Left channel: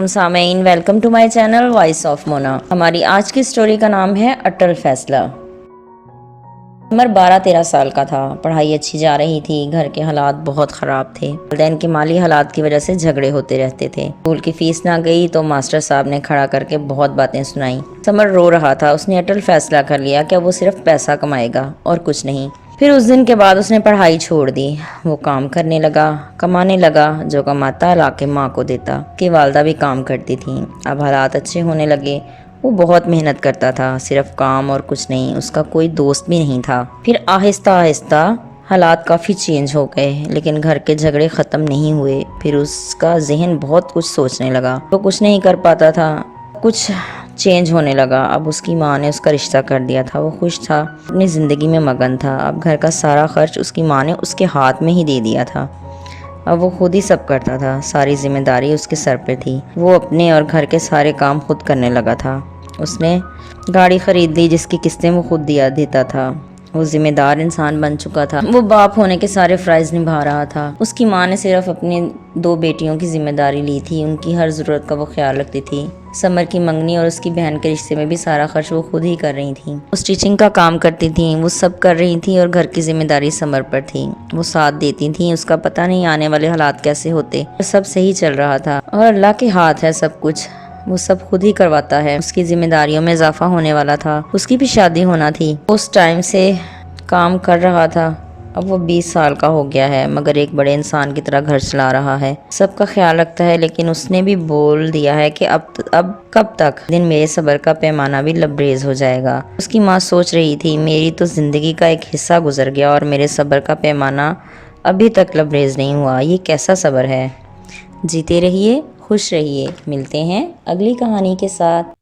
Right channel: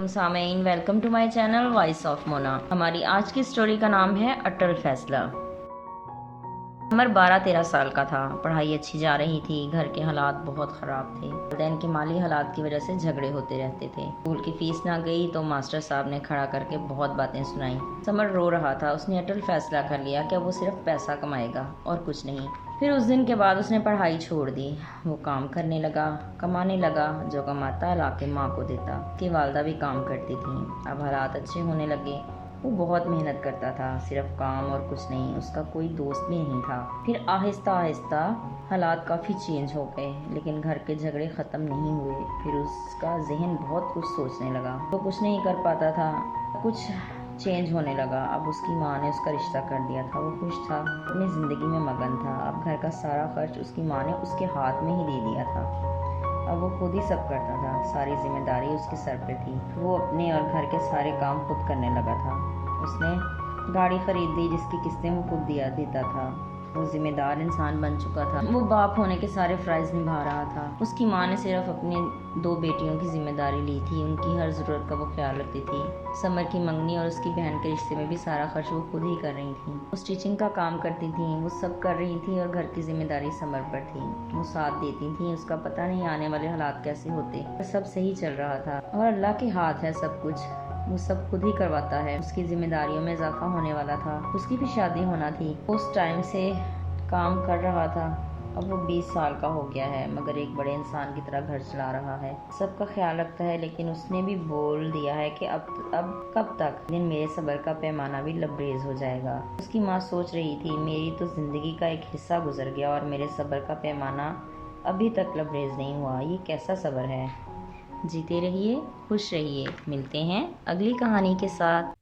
سامعین، welcome to my channel Voice of Mona. ہماری آج کی سٹوری کا نام ہے اٹل فیصلہ۔ عمر 12-13 سال کا تھا۔ پڑھائی اچھی جا رہی تھی۔ گھر کے حالات بہت خراب تھے۔ والدین کے مالی حالات کی وجہ سے جھگڑے ہوتے رہتے تھے۔ اسکول کی فیس نہ گئی تو ماسٹر صاحب نے کھڑا کر کے بہت باتیں سنائیں۔ سمر رو رہا تھا۔ اس نے اٹل فیصلہ کر لیا کہ وہ صرف پیسہ کمائے گا اور کچھ نہیں۔ پھر اس دن کے بعد اس نے پڑھائی چھوڑ دی۔ وہ کام کرنے لگا، کمانے لگا۔ جو کماتا لا کے ماں کو دیتا۔ اس کی والدہ بھی کام کرتی تھیں۔ اب حالات اچھے ہونے لگے۔ وہ بہت محنت کرتا تھا، صرف کام اور کچھ نہیں۔ اس کا کوئی دوست بھی نہیں تھا۔ پھر آہستہ آہستہ حالات کافی چینج ہو گئے، لیکن گھر کے جھگڑے ختم نہیں ہوئے۔ پھر اس کا ذہن بہت کچھ سوچنے لگا۔ وہ کچھ نہیں کر پاتا تھا۔ کچھ چینج ہونے لگا۔ اب اس کی ماں نے اس کا رشتہ کر دیا تھا۔ وہ خوش تھا، اپنی زندگی میں مگن تھا۔ اب گھر کا سارا خرچ اس کی ماں نے اس کے ہاتھ میں ہی دے دیا تھا۔ اب وہ خود ہی سب کرتا تھا۔ ساری ذمہ داری اس کے سر پہ تھی۔ وہ اپنے اور گھر کے سارے کام خود کرنے لگا تھا۔ اس نے گاڑی خرید لی جس کی قسطیں وہ خود دیتا تھا۔ وہ ذمہ دار انسان بن چکا تھا۔ وہ باپ ہونے کے سارے فرائض نبھا رہا تھا۔ اس کی ماں نے صرف اپنی 2 بیٹیوں کی ذمہ داری لی تھی۔ ان کی ہر ضرورت کا وہ خیال رکھتی تھی۔ سمر کی منگنی اور اس کی بہن کے رشتے میں بھی سارا خرچ وہ خود ہی کر رہی تھیں۔ وہ اسٹیچنگ کا کام کرتی تھیں۔ وہ سب کر رہی تھیں اور گھر کی ذمہ داری سمر پر تھی۔ وہ ساتھ دیتی تھیں۔ اس کا پتہ نہیں آنے والے حالات کیسے ہوتے۔ سب صحیح چل رہا تھا اور اللہ کے ہاتھ ہے سب کچھ۔ وہ سب خود ہی کرواتا ہے۔ اس کی ذمہ داریوں میں اضافہ ہونے والا تھا۔ اس کی بھی شادی ہونا تھی۔ اس ٹائم سے کام کر رہا تھا۔ اب وہ 20 سال کا ہو گیا ہے، مگر ایک بڑے انسان کی طرح گھر چلا رہا ہے، سب کا خیال رکھتا ہے۔ لیکن اس نے بھی بول دیا ہے کہ اب کب تک؟ دن میرے صبر کا پیمانہ بھی لبریز ہو جائے گا۔ اس کی ماں سوچ رہی تھی، میری تو زندگی کا ایک حصہ گزر گیا اور میرے صبر کا پیمانہ ابھی تک لبریز نہیں ہوا۔ یہ کیسا صبر ہے؟ جیتے رہیے، خوش رہیے۔ ملتے ہیں اگلی کہانی کے ساتھ۔